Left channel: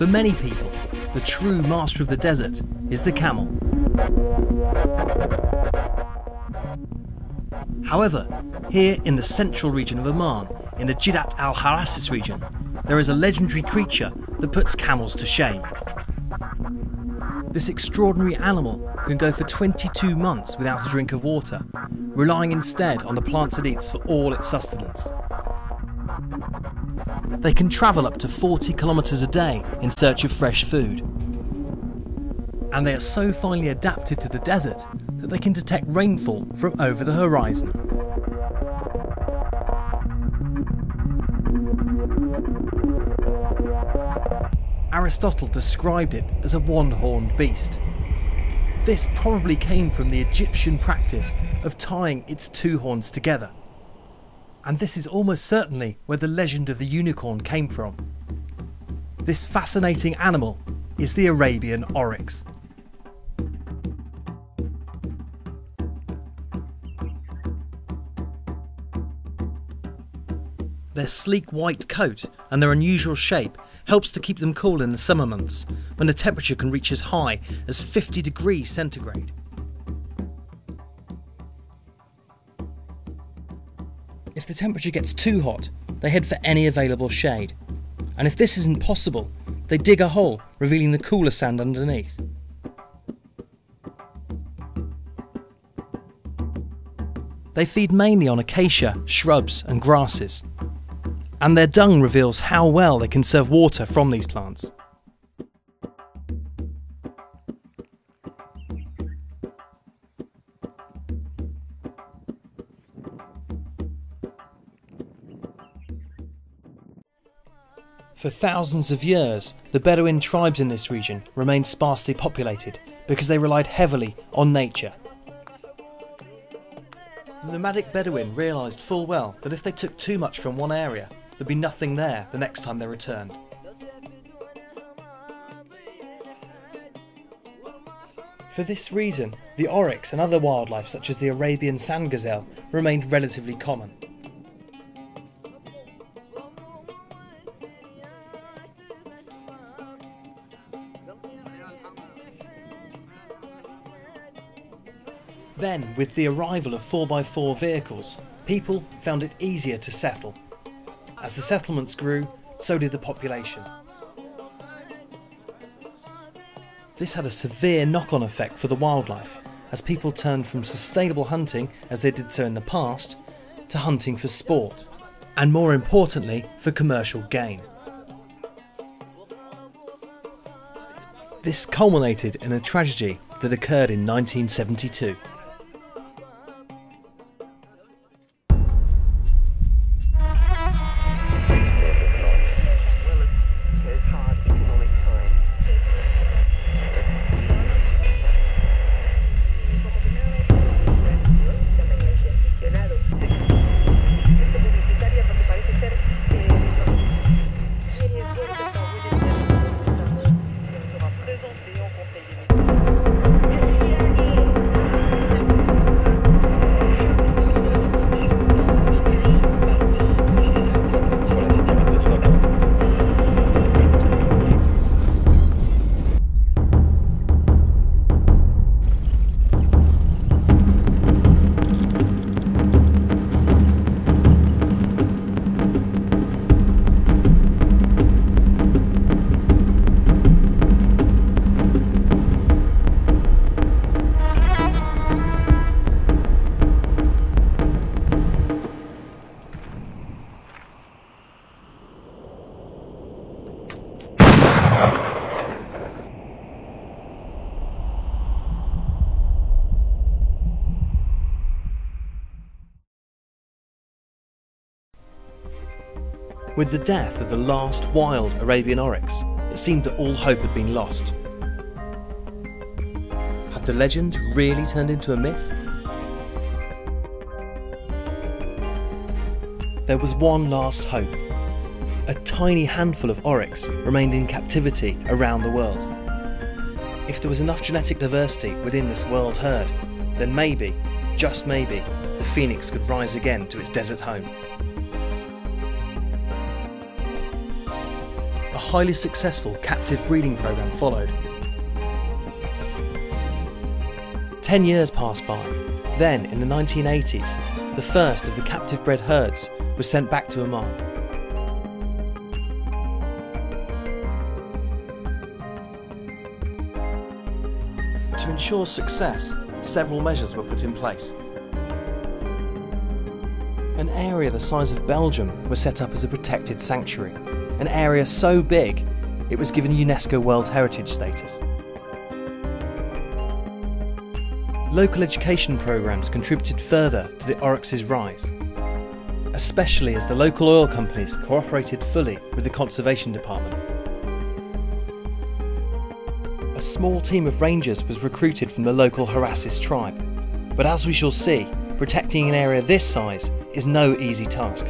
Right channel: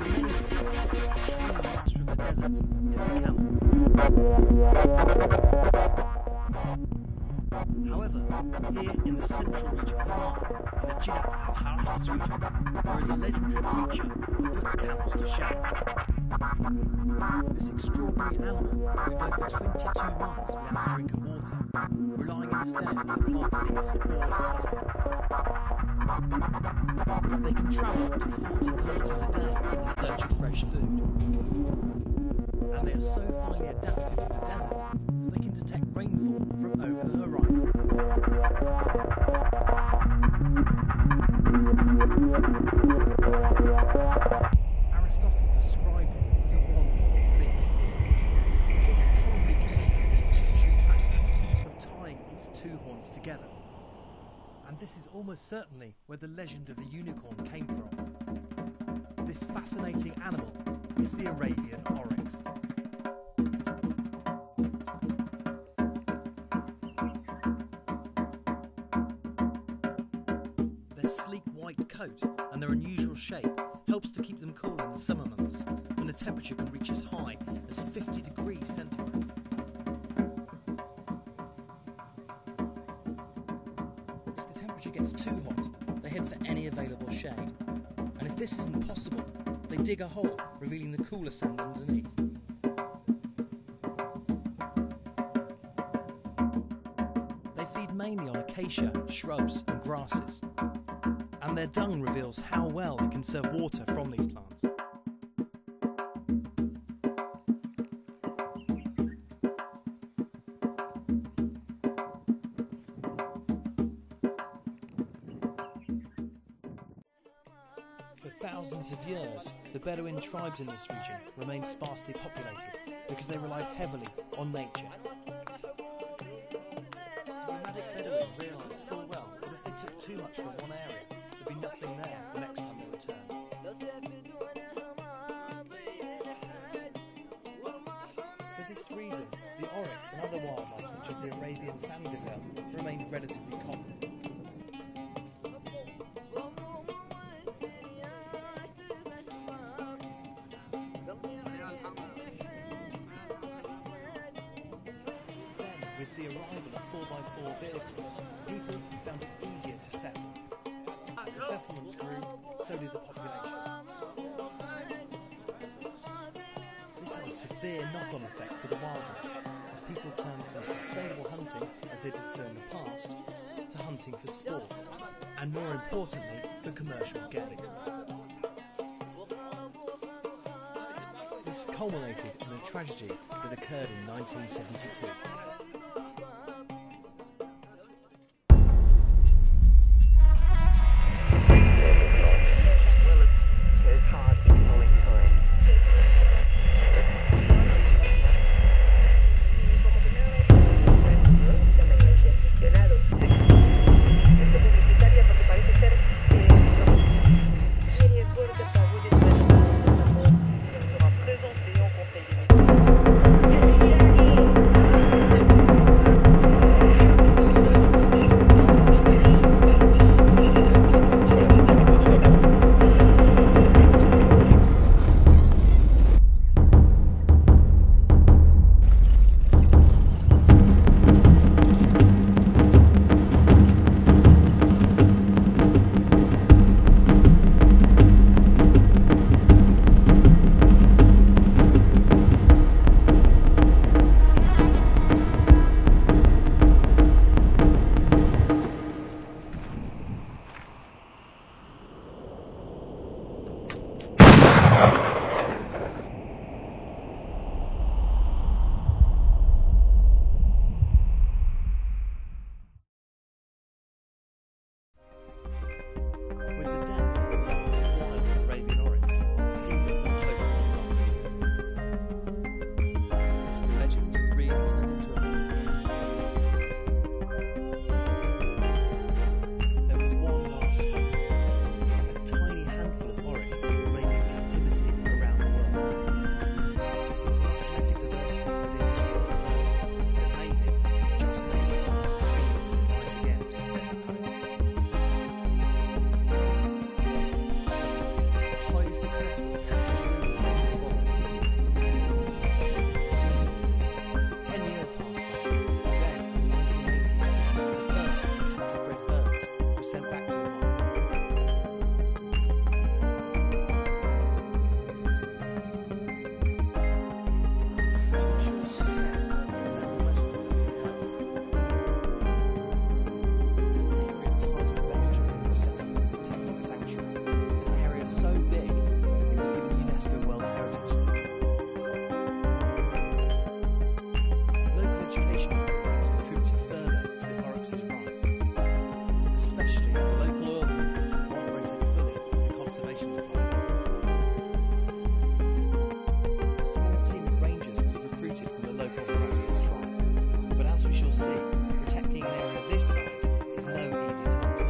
For many people, the true master of the desert is the camel. However, here in the central region of Oman, in the Jiddat al-Harasis region, there is a legendary creature that puts camels to shame. This extraordinary animal can go for 22 months without a drink of water, relying instead on the plants it eats for all its sustenance. They can travel up to 40 kilometres a day in search of fresh food. And they are so finely adapted to the desert that they can detect rainfall from over the horizon. Aristotle described it as a one-horned beast. This probably came from the Egyptian practice of tying its two horns together. And this is almost certainly where the legend of the unicorn came from. This fascinating animal is the Arabian Oryx. Their sleek white coat and their unusual shape helps to keep them cool in the summer months, when the temperature can reach as high as 50 degrees centigrade. If the temperature gets too hot, they head for any available shade. And if this isn't possible, they dig a hole, revealing the cooler sand underneath. They feed mainly on acacia, shrubs and grasses. And their dung reveals how well they conserve water from these plants. For thousands of years, the Bedouin tribes in this region remained sparsely populated because they relied heavily on nature. The nomadic Bedouin realised full well that if they took too much from one area, there'd be nothing there the next time they returned. For this reason, the oryx and other wildlife such as the Arabian sand gazelle remained relatively common. Then, with the arrival of 4x4 vehicles, people found it easier to settle. As the settlements grew, so did the population. This had a severe knock-on effect for the wildlife, as people turned from sustainable hunting, as they did so in the past, to hunting for sport, and more importantly, for commercial gain. This culminated in a tragedy that occurred in 1972. With the death of the last wild Arabian Oryx, it seemed that all hope had been lost. Had the legend really turned into a myth? There was one last hope. A tiny handful of oryx remained in captivity around the world. If there was enough genetic diversity within this world herd, then maybe, just maybe, the phoenix could rise again to its desert home. A highly successful captive breeding program followed. 10 years passed by. Then, in the 1980s, the first of the captive bred herds was sent back to Oman. To ensure success, several measures were put in place. An area the size of Belgium was set up as a protected sanctuary, an area so big it was given UNESCO World Heritage status. Local education programs contributed further to the oryx's rise, especially as the local oil companies cooperated fully with the conservation department. A small team of rangers was recruited from the local Harassis tribe, but as we shall see, protecting an area this size is no easy task.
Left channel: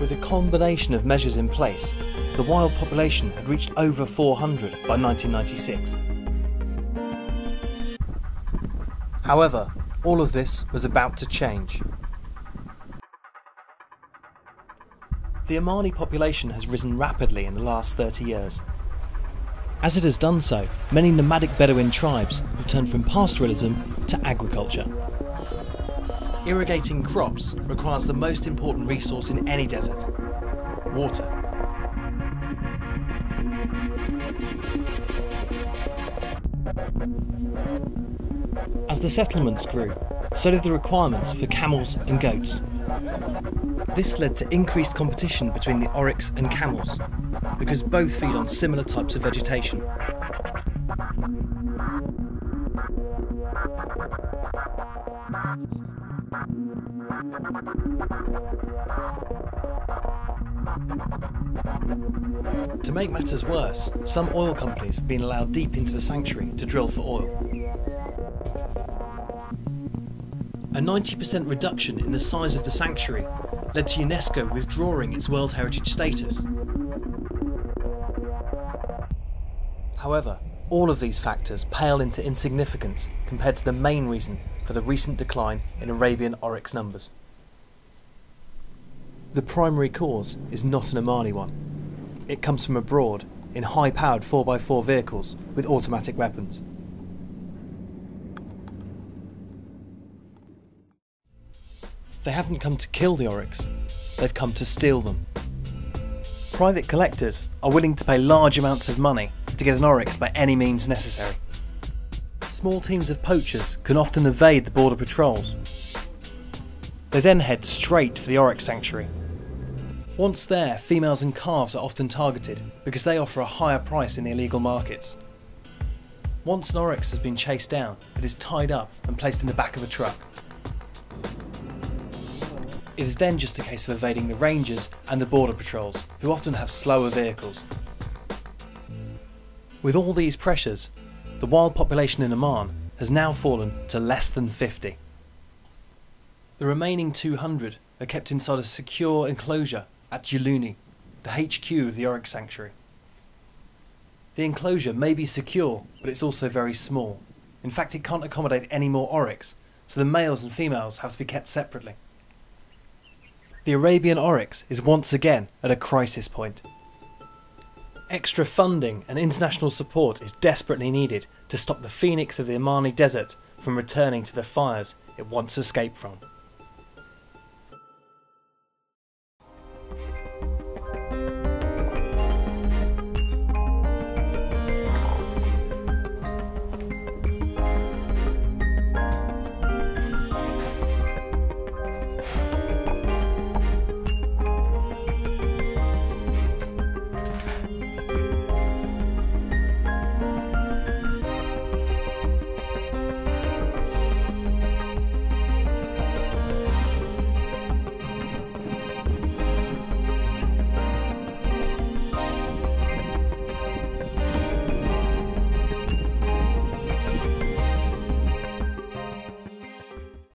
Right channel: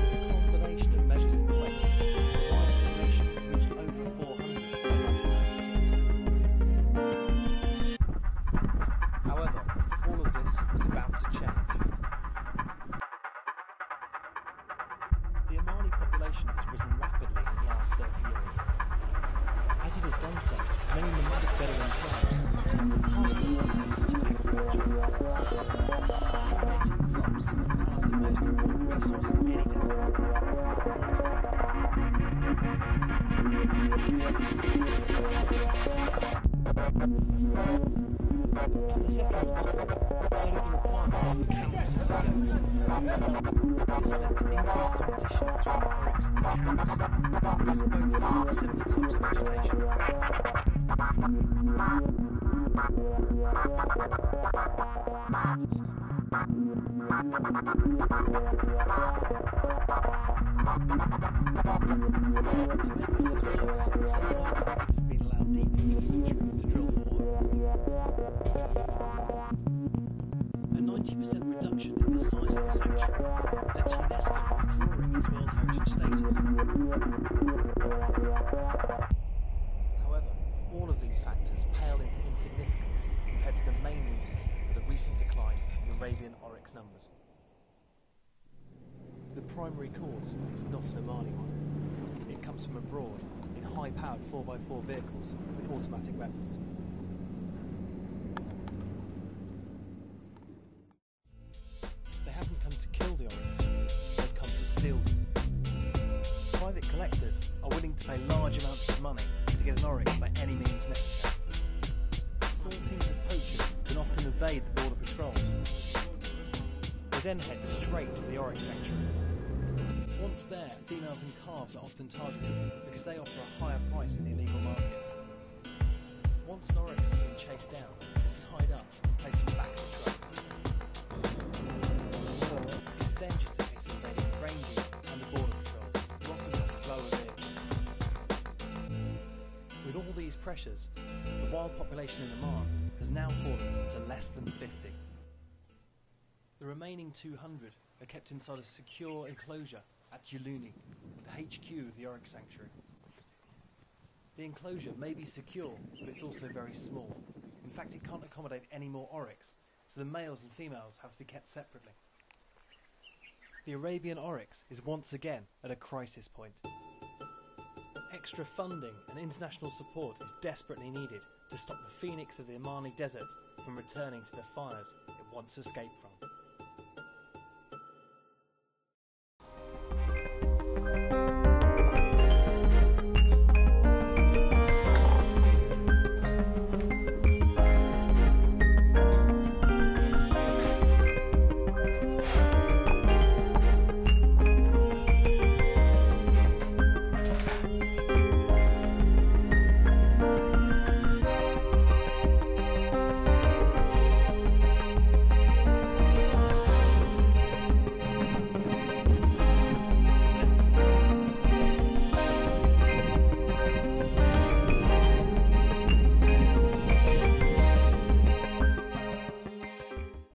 With a combination of measures in place, the wild population had reached over 400 by 1996. However, all of this was about to change. The Omani population has risen rapidly in the last 30 years. As it has done so, many nomadic Bedouin tribes have turned from pastoralism to agriculture. Irrigating crops requires the most important resource in any desert: water. As the settlements grew, so did the requirements for camels and goats. This led to increased competition between the oryx and camels, because both feed on similar types of vegetation. To make matters worse, some oil companies have been allowed deep into the sanctuary to drill for oil. A 90% reduction in the size of the sanctuary led to UNESCO withdrawing its World Heritage status. However, all of these factors pale into insignificance compared to the main reason for the recent decline in Arabian Oryx numbers. The primary cause is not an Omani one. It comes from abroad in high-powered 4x4 vehicles with automatic weapons. They haven't come to kill the oryx, they've come to steal them. Private collectors are willing to pay large amounts of money to get an oryx by any means necessary. Small teams of poachers can often evade the border patrols. They then head straight for the oryx sanctuary. Once there, females and calves are often targeted because they offer a higher price in the illegal markets. Once an oryx has been chased down, it is tied up and placed in the back of a truck. It is then just a case of evading the rangers and the border patrols, who often have slower vehicles. With all these pressures, the wild population in Oman has now fallen to less than 50. The remaining 200 are kept inside a secure enclosure at Juluni, the HQ of the Oryx Sanctuary. The enclosure may be secure, but it's also very small. In fact, it can't accommodate any more oryx, so the males and females have to be kept separately. The Arabian Oryx is once again at a crisis point. Extra funding and international support is desperately needed to stop the phoenix of the Omani desert from returning to the fires it once escaped from.